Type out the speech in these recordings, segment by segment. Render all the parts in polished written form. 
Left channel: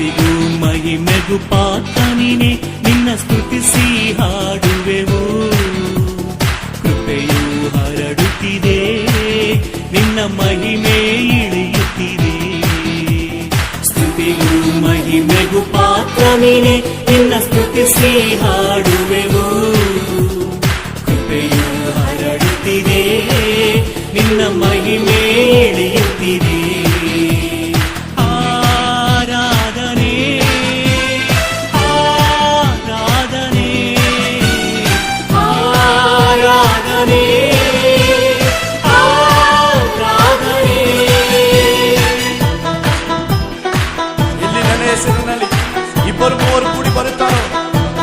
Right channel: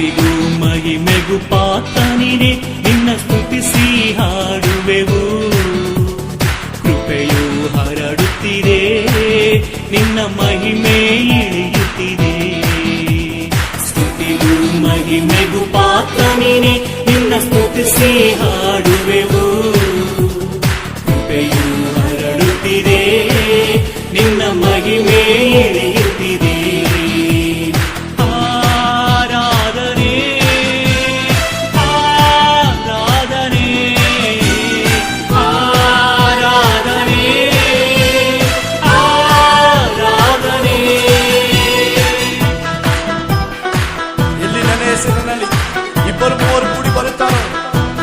ಸ್ತುತಿಗೂ ಮಹಿಮೆಗೂ ಪಾತ್ರನಿನೇ ನಿನ್ನ ಸ್ತುತಿಸಿ ಹಾಡುವೆವು. ಕೃಪೆಯು ಹರಡುತ್ತಿದೆ, ನಿನ್ನ ಮಹಿಮೆ ಇಳಿಯುತ್ತಿದೆ. ಸ್ತುತಿಗೂ ಮಹಿಮೆಗೂ ಪಾತ್ರನಿನೇ ನಿನ್ನ ಸ್ತುತಿಸಿ ಹಾಡುವೆವು. ಕೃಪೆಯು ಹರಡುತ್ತಿದೆ, ನಿನ್ನ ಮಹಿಮೆ ಇಳಿಯುತ್ತಿದೆ. ಆರಾಧನೆ ಆರಾಧನೆ ಆರಾಧನೆ ಆರಾಧನೆ. ಎಲ್ಲಿ ನನ್ನ ಹೆಸರಿನಲ್ಲಿ ಇಬ್ಬರು ಮೂವರು ಕೂಡಿ ಬರುತ್ತಾರೋ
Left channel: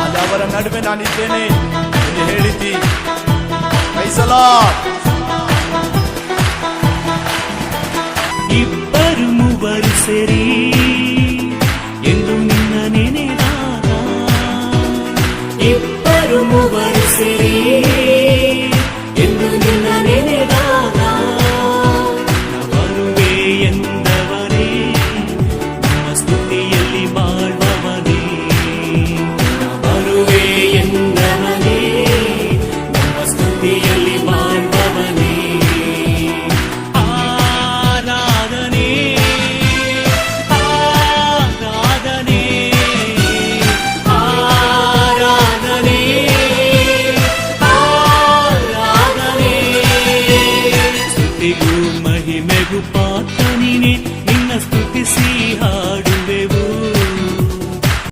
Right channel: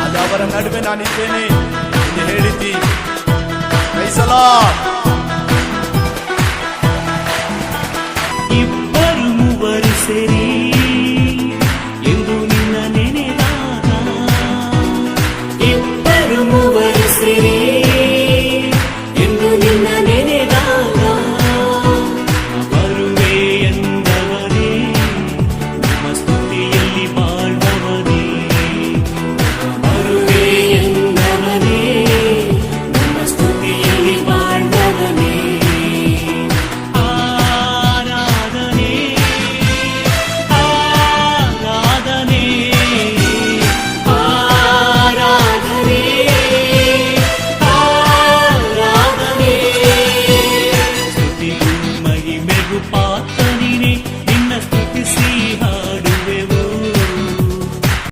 ಅಲ್ಲಿ ಅವರ ನಡುವೆ ನಾನಿದ್ದೇನೆ ಎಂದು ಹೇಳಿದ್ದಿ. Price the lord.